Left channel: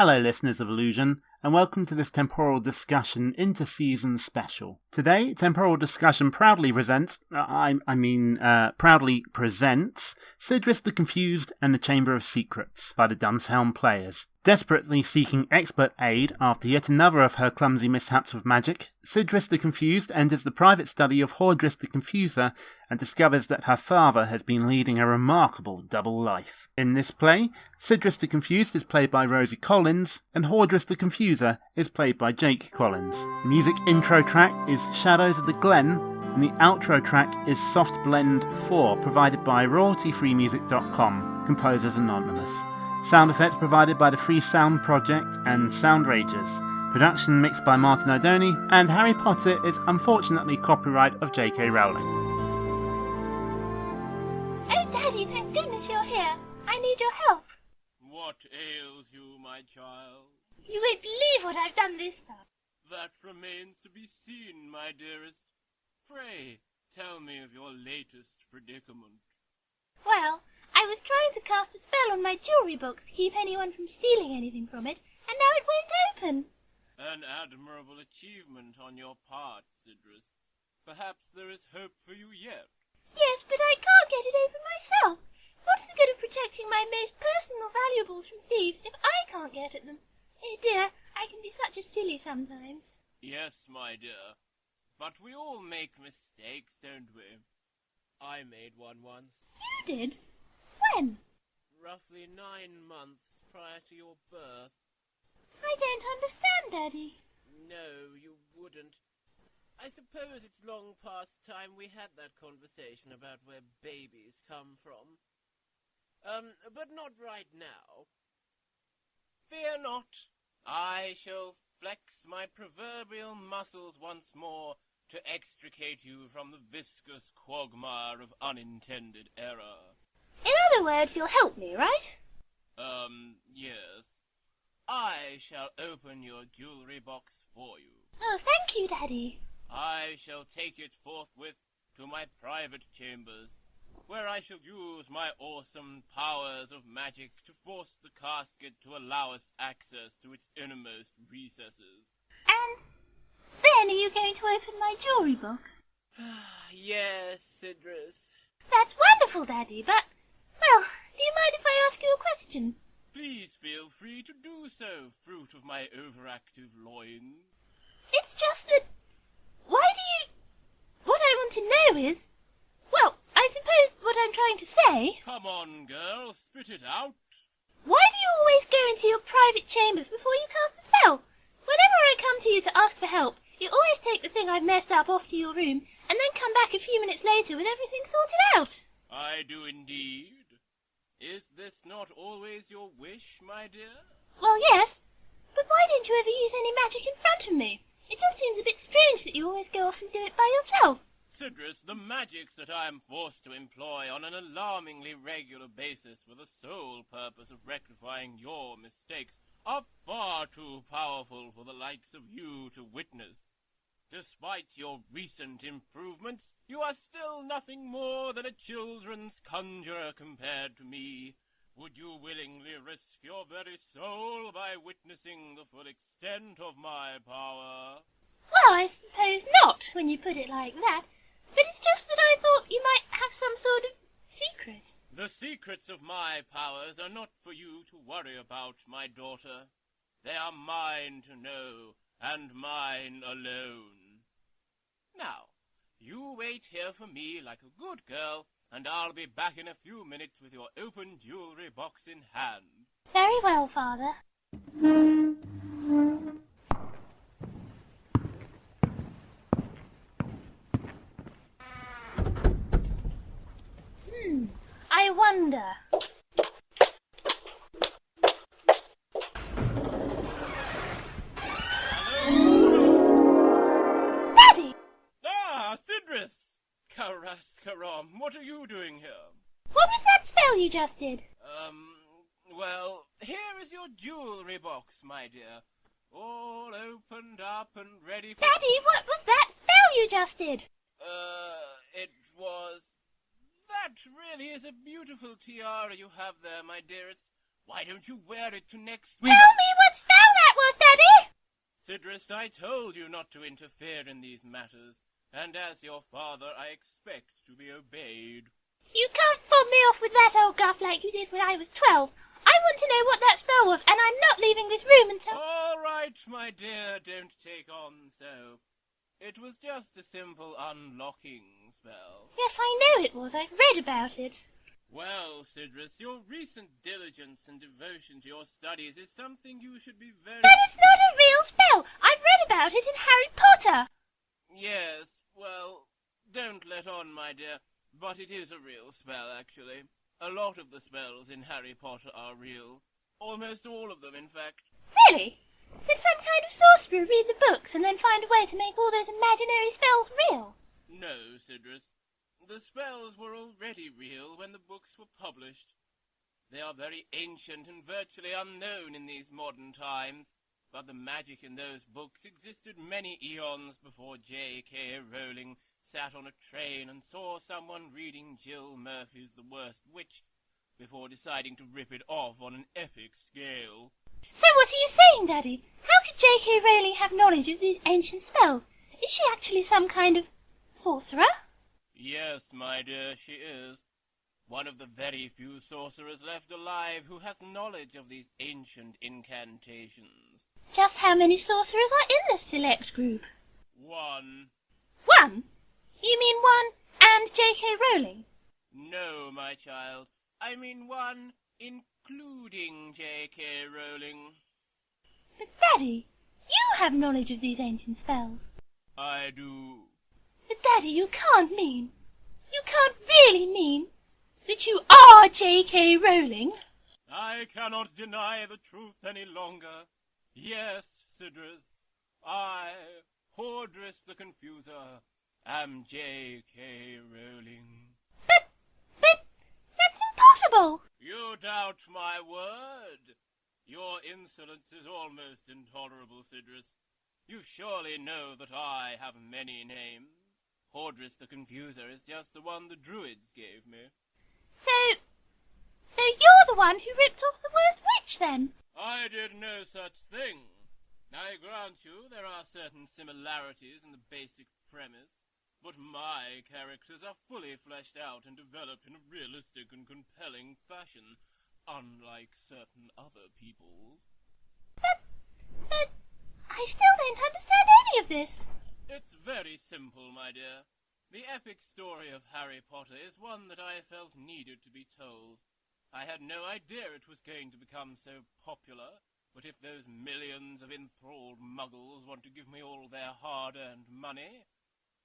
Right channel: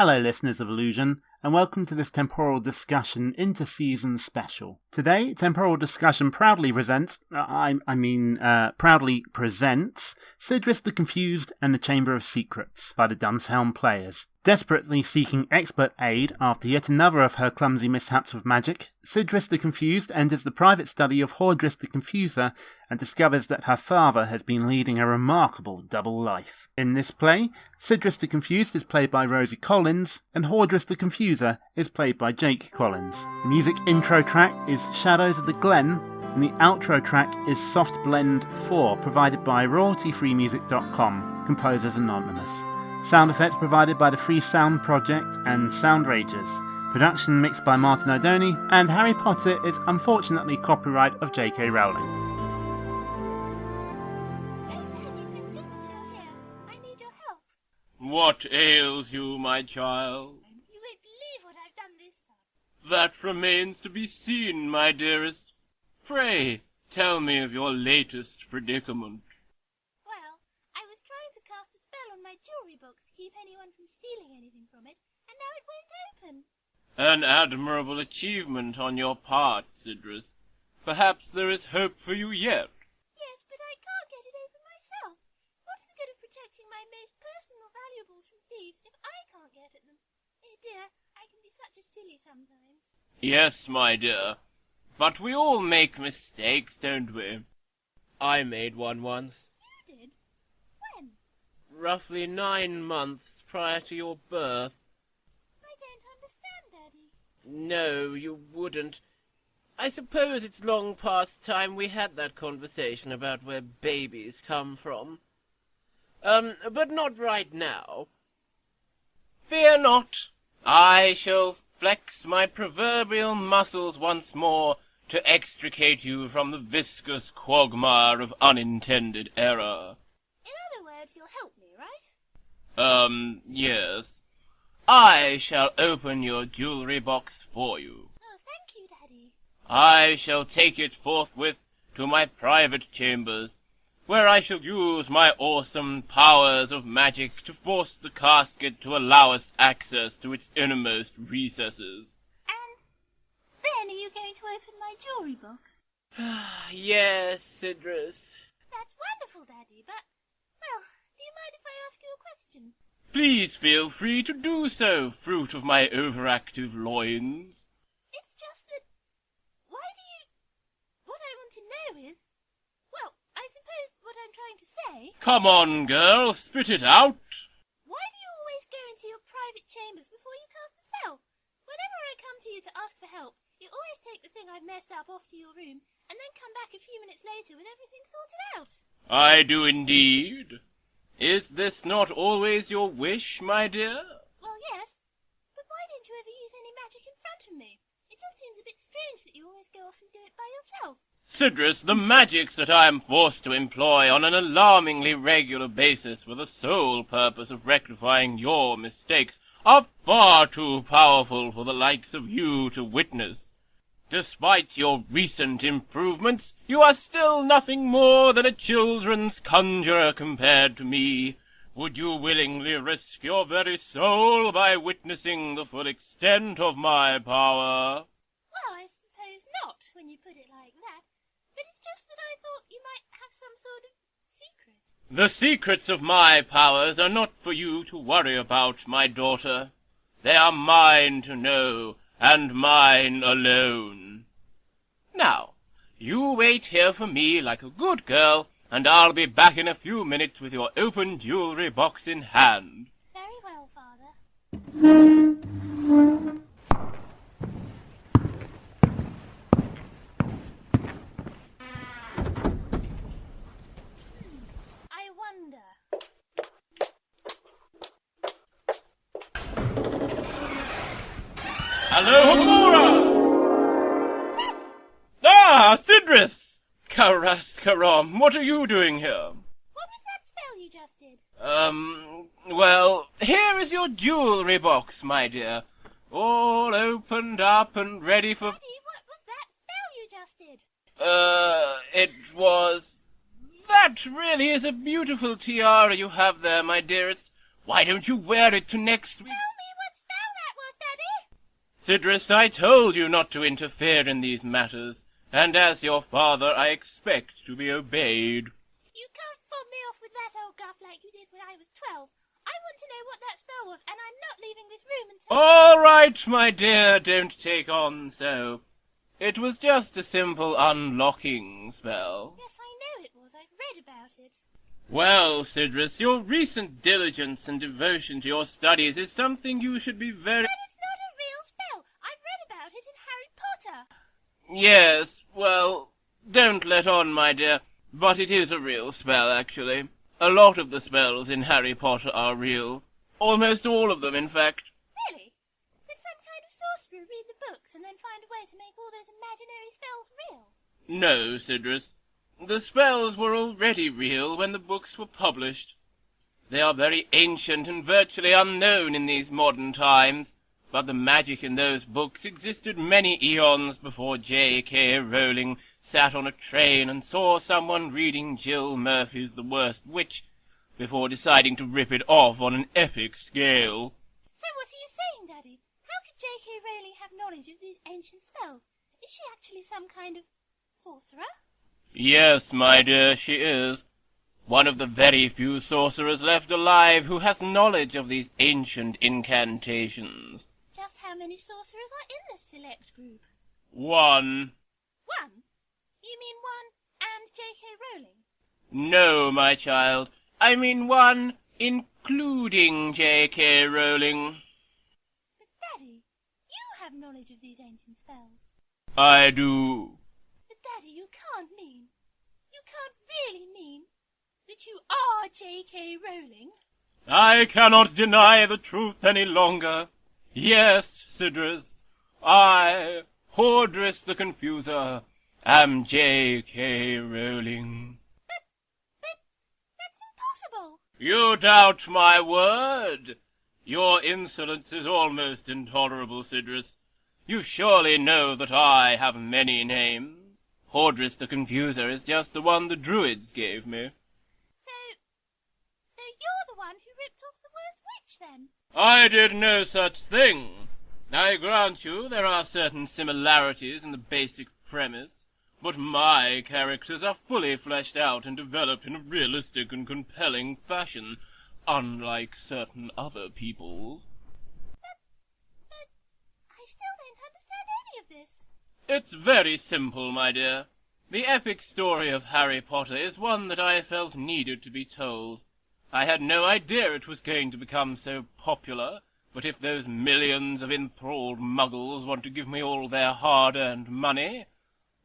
Hello listeners of Illusion, and welcome to this Temporal Discussion Inter-Season Special. Today, Temporal Discussion proudly presents Sidriss the Confused and the Chamber of Secrets by the Dunshelm players. Desperately seeking expert aid after yet another of her clumsy mishaps with magic, Sidriss the Confused enters the private study of Hordriss the Confuser and discovers that her father has been leading a remarkable double life. In this play, Sidriss the Confused is played by Rosey Collins, and Hordriss the Confuser is played by Jake Collins. The music intro track is Shadows of the Glen, and the outro track is Soft Blend 4, provided by royaltyfreemusic.com, composers anonymous. Sound effects provided by the Free Sound Project and Soundrangers. Production mixed by Martin Odoni, and Harry Potter is unfortunately copyright of J.K. Rowling. Oh, Daddy, thank goodness you're here. I need your help. What ails you, my child? You won't believe what I've done this time. That remains to be seen, my dearest. Pray, tell me of your latest predicament. Well, I was trying to cast a spell on my jewellery box to keep anyone from stealing anything from it, and now it won't open. An admirable achievement on your part, Sidriss. Perhaps there is hope for you yet. Yes, but I can't get it open myself. What's the good of protecting my most personal valuables from thieves if I can't get at them? Oh dear, I can be such a silly sometimes. Yes, my dear. But we all make mistakes, don't we? I made one once. You did? When? Roughly 9 months prior to your birth. I don't understand, Daddy. No, you wouldn't. I suppose it's long past time we had that conversation about where babies come from. But not right now. Fear not. I shall flex my proverbial muscles once more to extricate you from the viscous quagmire of unintended error. In other words, you'll help me, right? Yes. I shall open your jewellery box for you. Oh, thank you, Daddy. I shall take it forthwith to my private chambers, where I shall use my awesome powers of magic to force the casket to allow us access to its innermost recesses. And then are you going to open my jewellery box? Yes, Sidriss. That's wonderful, Daddy, but, well, do you mind if I ask you a question? Please feel free to do so, fruit of my overactive loins. It's just that, what I want to know is, well, I suppose what I'm trying to say... Come on, girl, spit it out. Why do you always go into your private chambers before you cast a spell? Whenever I come to you to ask for help, you always take the thing I've messed up off to your room, and then come back a few minutes later with everything sorted out. I do indeed. Is this not always your wish, my dear? Well, yes, but why don't you ever use any magic in front of me? It just seems a bit strange that you always go off and do it by yourself. Sidriss, the magics that I am forced to employ on an alarmingly regular basis for the sole purpose of rectifying your mistakes are far too powerful for the likes of you to witness. Despite your recent improvements, you are still nothing more than a children's conjurer compared to me. Would you willingly risk your very soul by witnessing the full extent of my power? Well, I suppose not, when you put it like that. But it's just that I thought you might have some sort of secret. The secrets of my powers are not for you to worry about, my daughter. They are mine to know, and mine alone. Now, you wait here for me like a good girl, and I'll be back in a few minutes with your open jewellery box in hand. Very well, Father. I wonder. Hello, Amora! Daddy! Ah, Sidriss! Karaskaram, what are you doing here? What was that spell you just did? Well, here is your jewellery box, my dear. All opened up and ready for... Daddy, what was that spell you just did? It was... That really is a beautiful tiara you have there, my dearest. Why don't you wear it to next week's... Tell me what Sidriss, I told you not to interfere in these matters, and as your father I expect to be obeyed. You can't fob me off with that old guff like you did when I was 12. I want to know what that spell was, and I'm not leaving this room until... All right, my dear, don't take on so. It was just a simple unlocking spell. Yes, I know it was. I've read about it. Well, Sidriss, your recent diligence and devotion to your studies is something you should be very... But it's not a real spell. I've read about it in Harry Potter. Yes, well, don't let on, my dear, but it is a real spell, actually. A lot of the spells in Harry Potter are real. Almost all of them, in fact. Really? Did some kind of sorcerer read the books and then find a way to make all those imaginary spells real? No, Sidriss. The spells were already real when the books were published. They are very ancient and virtually unknown in these modern times, but the magic in those books existed many eons before J.K. Rowling sat on a train and saw someone reading Jill Murphy's The Worst Witch before deciding to rip it off on an epic scale. So what are you saying, Daddy? How could J.K. Rowling have knowledge of these ancient spells? Is she actually some kind of sorcerer? Yes, my dear, she is. One of the very few sorcerers left alive who has knowledge of these ancient incantations. Just how many sorcerers are in this select group? 1. 1? You mean 1 and J.K. Rowling? No, my child. I mean 1, including J.K. Rowling. But, Daddy, you have knowledge of these ancient spells. I do. But, Daddy, you can't really mean that you are J.K. Rowling. I cannot deny the truth any longer. Yes, Sidriss, I, Hordriss the Confuser, am J.K. Rowling. But, that's impossible. You doubt my word? Your insolence is almost intolerable, Sidriss. You surely know that I have many names. Hordriss the Confuser is just the one the Druids gave me. So you're the one who ripped off the Worst Witch, then? I did no such thing. I grant you there are certain similarities in the basic premise, but my characters are fully fleshed out and developed in a realistic and compelling fashion, unlike certain other people's. But I still don't understand any of this. It's very simple, my dear. The epic story of Harry Potter is one that I felt needed to be told. I had no idea it was going to become so popular, but if those millions of enthralled muggles want to give me all their hard-earned money,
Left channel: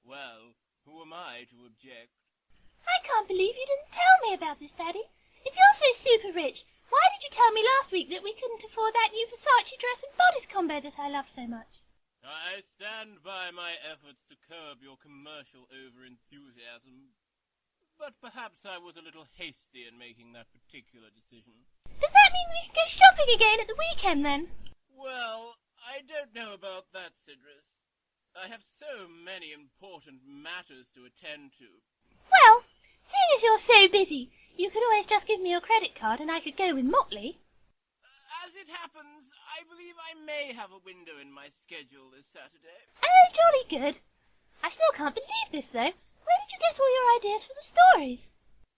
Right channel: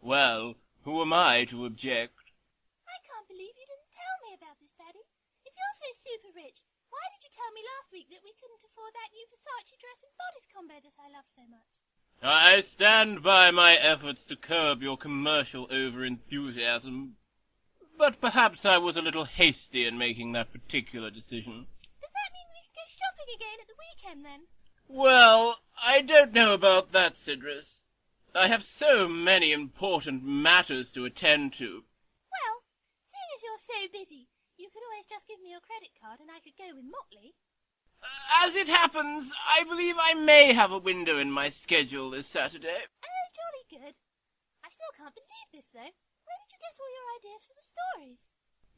well, who am I to object? I can't believe you didn't tell me about this, Daddy. If you're so super rich, why did you tell me last week that we couldn't afford that new Versace dress and bodice combo that I love so much? I stand by my efforts to curb your commercial over-enthusiasm, but perhaps I was a little hasty in making that particular decision. Does that mean we can go shopping again at the weekend, then? Well, I don't know about that, Sidriss. I have so many important matters to attend to. Well, seeing as you're so busy, you could always just give me your credit card and I could go with Motley. As it happens, I believe I may have a window in my schedule this Saturday. Oh, jolly good. I still can't believe this, though. Where did you get all your ideas for the stories?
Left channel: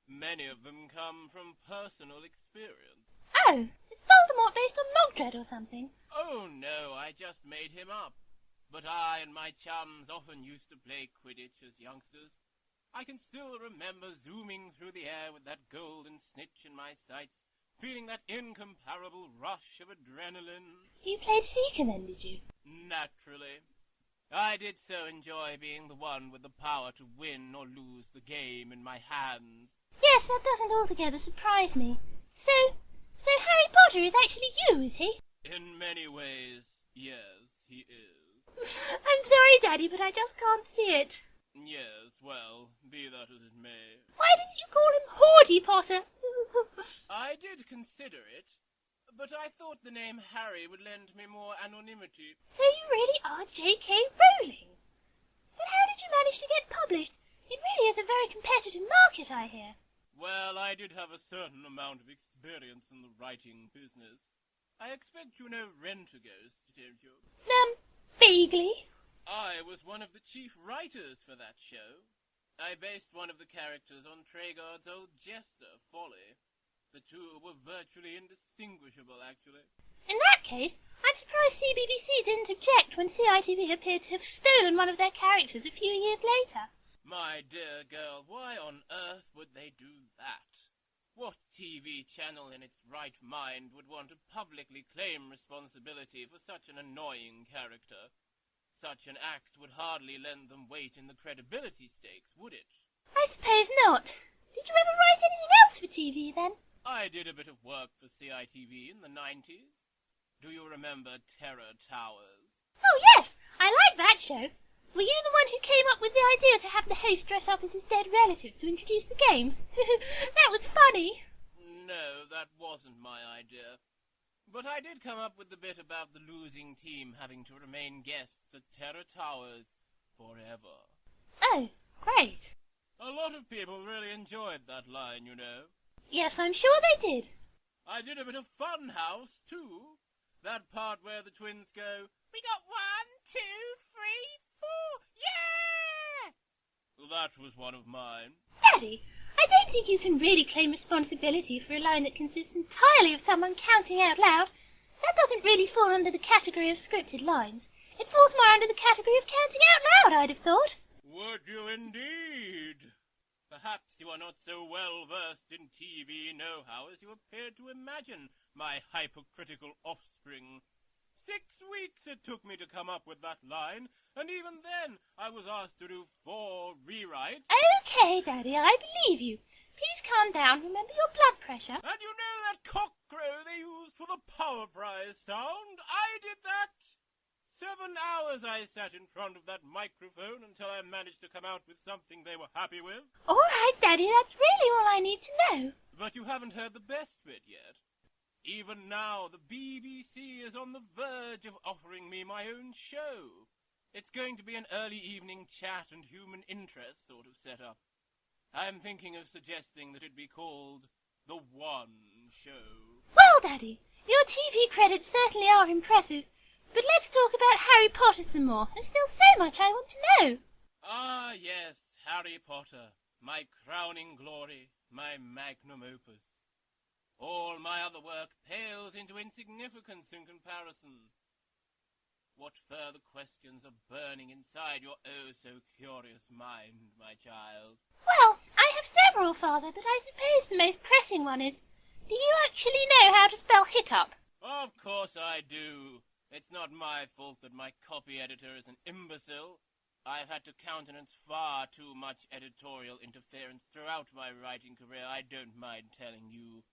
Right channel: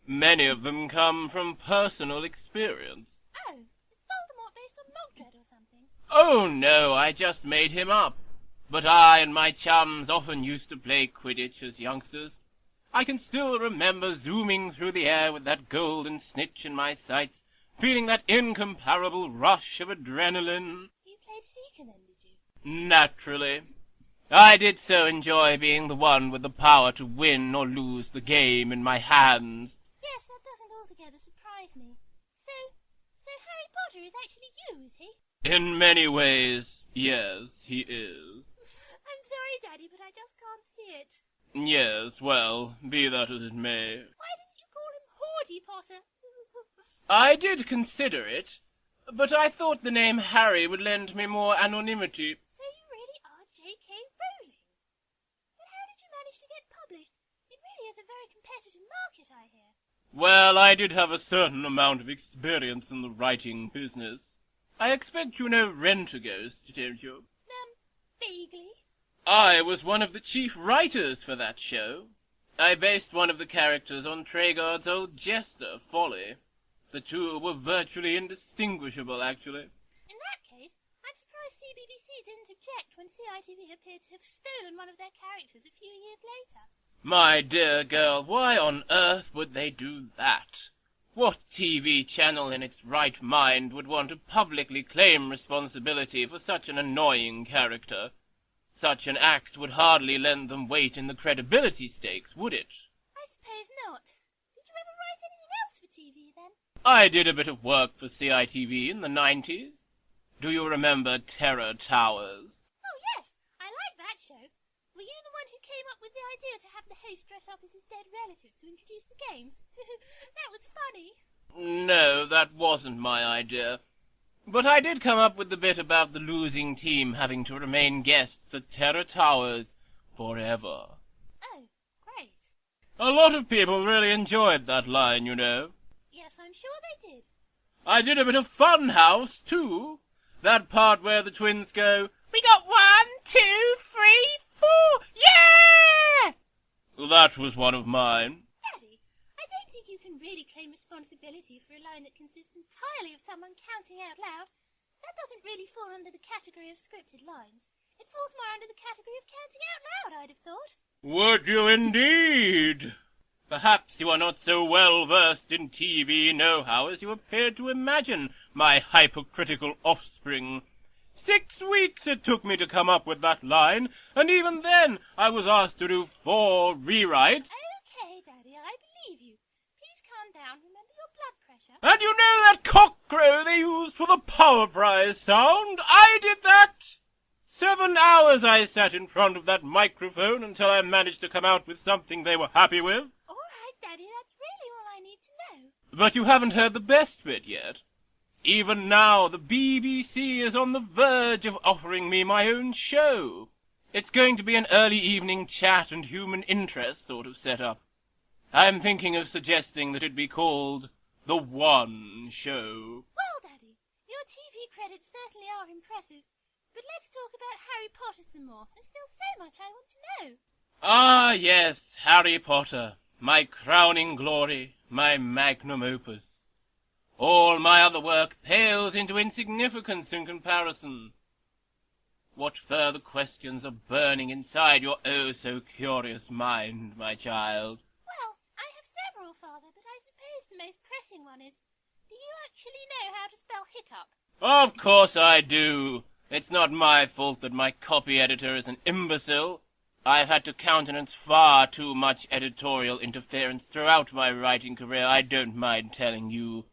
Many of them come from personal experience. Oh, is Voldemort based on Mogdred or something? Oh, no, I just made him up. But I and my chums often used to play Quidditch as youngsters. I can still remember zooming through the air with that golden snitch in my sights, feeling that incomparable rush of adrenaline. You played Seeker then, did you? Naturally. I did so enjoy being the one with the power to win or lose the game in my hands. Yes, that doesn't altogether surprise me. So Harry Potter is actually you, is he? In many ways, yes, he is. I'm sorry, Daddy, but I just can't see it. Yes, well, be that as it may. Why didn't you call him Hordy Potter? I did consider it, but I thought the name Harry would lend me more anonymity. So you really are J.K. Rowling? But how did you manage to get published? It really is a very competitive market, I hear. Well, I did have a certain amount of experience in the writing business. I expect you know Rent-A-Ghost, don't you? Vaguely. I was one of the chief writers for that show. I based one of the characters on Traegard's old jester, Folly. The two were virtually indistinguishable, actually. In that case, I'm surprised CBBC didn't object when CITV appeared to have stolen one of their characters a few years later. My dear girl, why on earth would they do that? What TV channel in its right mind would want to publicly claim responsibility for such an annoying character? Such an act would hardly lend them weight in the credibility stakes, would it? I suppose not. Did you ever write anything else for TV, then? I did a bit of work for CITV in the 90s. Do you remember Terror Towers? Oh, yes. I like that show. Were you the one who came up with the idea to have the host dress up as his dead relatives to introduce the games? That was funny. No, that wasn't my idea. But I did come up with the bit about the losing team having to remain guests at Terror Towers forever. Oh, great. A lot of people really enjoyed that line, you know. Yes, I'm sure they did. I did a bit of Fun House, too. That part where the twins go, "We got 1, 2, 3, 4, yeah!" Well, that was one of mine. Daddy, I don't think you can really claim responsibility for a line that consists entirely of someone counting out loud. That doesn't really fall under the category of scripted lines. It falls more under the category of counting out loud, I'd have thought. Would you indeed? Perhaps you are not so well versed in TV know-how as you appeared to imagine, my hypocritical offspring. 6 weeks it took me to come up with that line, and even then I was asked to do 4 rewrites. Okay, Daddy, I believe you. Please calm down. Remember your blood pressure. And you know that cockcrow they used for the power prize sound? I did that! 7 hours I sat in front of that microphone until I managed to come out with something they were happy with. All right, Daddy, that's really all I need to know. But you haven't heard the best bit yet. Even now, the BBC is on the verge of offering me my own show. It's going to be an early evening chat and human interest sort of setup. I'm thinking of suggesting that it be called The One Show. Well, Daddy, your TV credits certainly are impressive. But let's talk about Harry Potter some more. There's still so much I want to know. Ah, yes, Harry Potter. My crowning glory, my magnum opus. All my other work pales into insignificance in comparison. What further questions are burning inside your oh-so-curious mind, my child? Well, I have several, Father, but I suppose the most pressing one is, do you actually know how to spell hiccup? Of course I do. It's not my fault that my copy editor is an imbecile. I've had to countenance far too much editorial interference throughout my writing career, I don't mind telling you.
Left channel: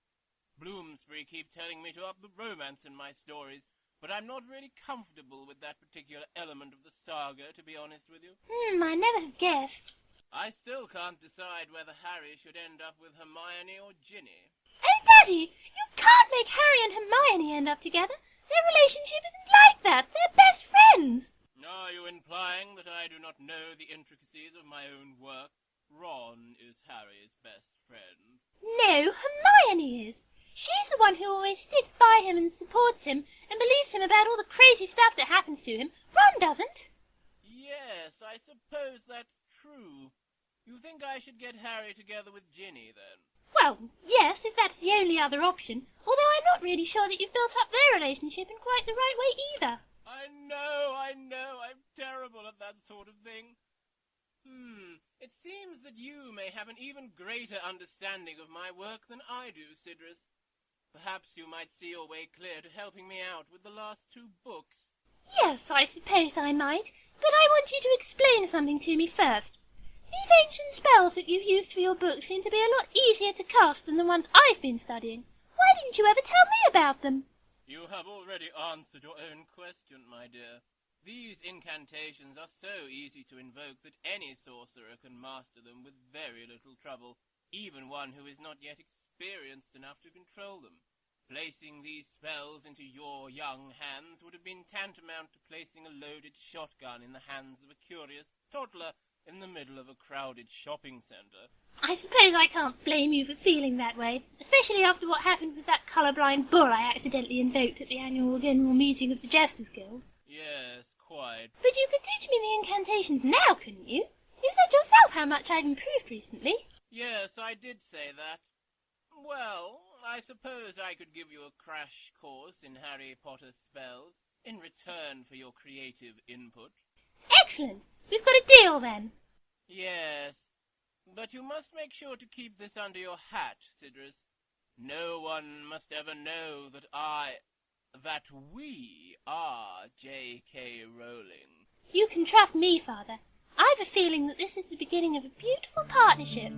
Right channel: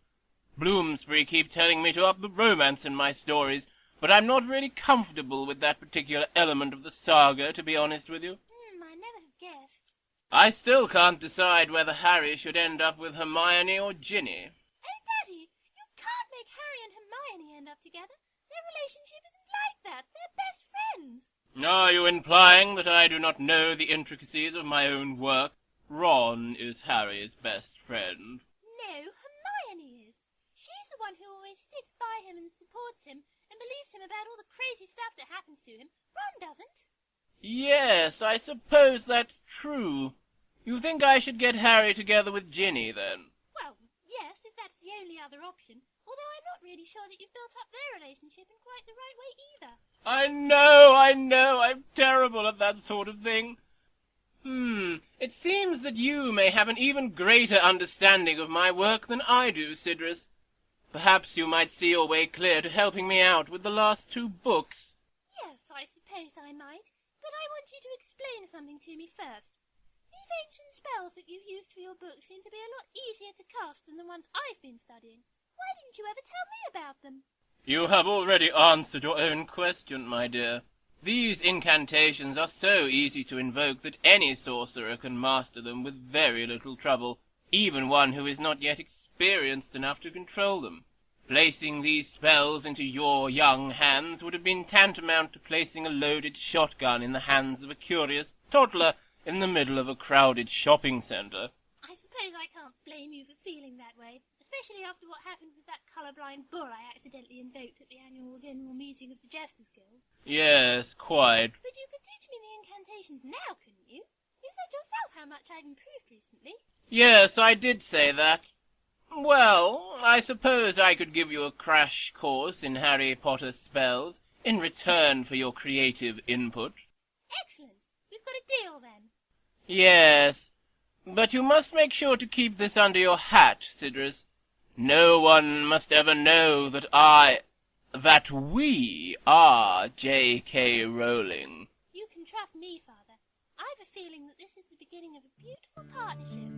Bloomsbury keep telling me to up the romance in my stories, but I'm not really comfortable with that particular element of the saga, to be honest with you. I never have guessed. I still can't decide whether Harry should end up with Hermione or Ginny. Oh, Daddy, you can't make Harry and Hermione end up together. Their relationship isn't like that. They're best friends. Are you implying that I do not know the intricacies of my own work? Ron is Harry's best friend. No, Hermione is. She's the one who always sticks by him and supports him and believes him about all the crazy stuff that happens to him. Ron doesn't. Yes, I suppose that's true. You think I should get Harry together with Ginny, then? Well, yes, if that's the only other option. Although I'm not really sure that you've built up their relationship in quite the right way either. I know, I'm terrible at that sort of thing. It seems that you may have an even greater understanding of my work than I do, Sidriss. Perhaps you might see your way clear to helping me out with the last 2 books. Yes, I suppose I might, but I want you to explain something to me first. These ancient spells that you've used for your books seem to be a lot easier to cast than the ones I've been studying. Why didn't you ever tell me about them? You have already answered your own question, my dear. These incantations are so easy to invoke that any sorcerer can master them with very little trouble, even one who is not yet experienced enough to control them. Placing these spells into your young hands would have been tantamount to placing a loaded shotgun in the hands of a curious toddler in the middle of a crowded shopping centre. I suppose I can't blame you for feeling that way, especially after what happened with that colourblind bull I accidentally invoked at the annual general meeting of the Jesters Guild. Yes, quite. But you could teach me the incantations now, couldn't you? You said yourself how much I'd improved recently. Yes, I did say that. Well, I suppose I could give you a crash course in Harry Potter spells in return for your creative input. Excellent! We've got a deal then. Yes, but you must make sure to keep this under your hat, Sidriss. No one must ever know that we are J.K. Rowling. You can trust me, Father. I've a feeling that this is the beginning of a beautiful partnership.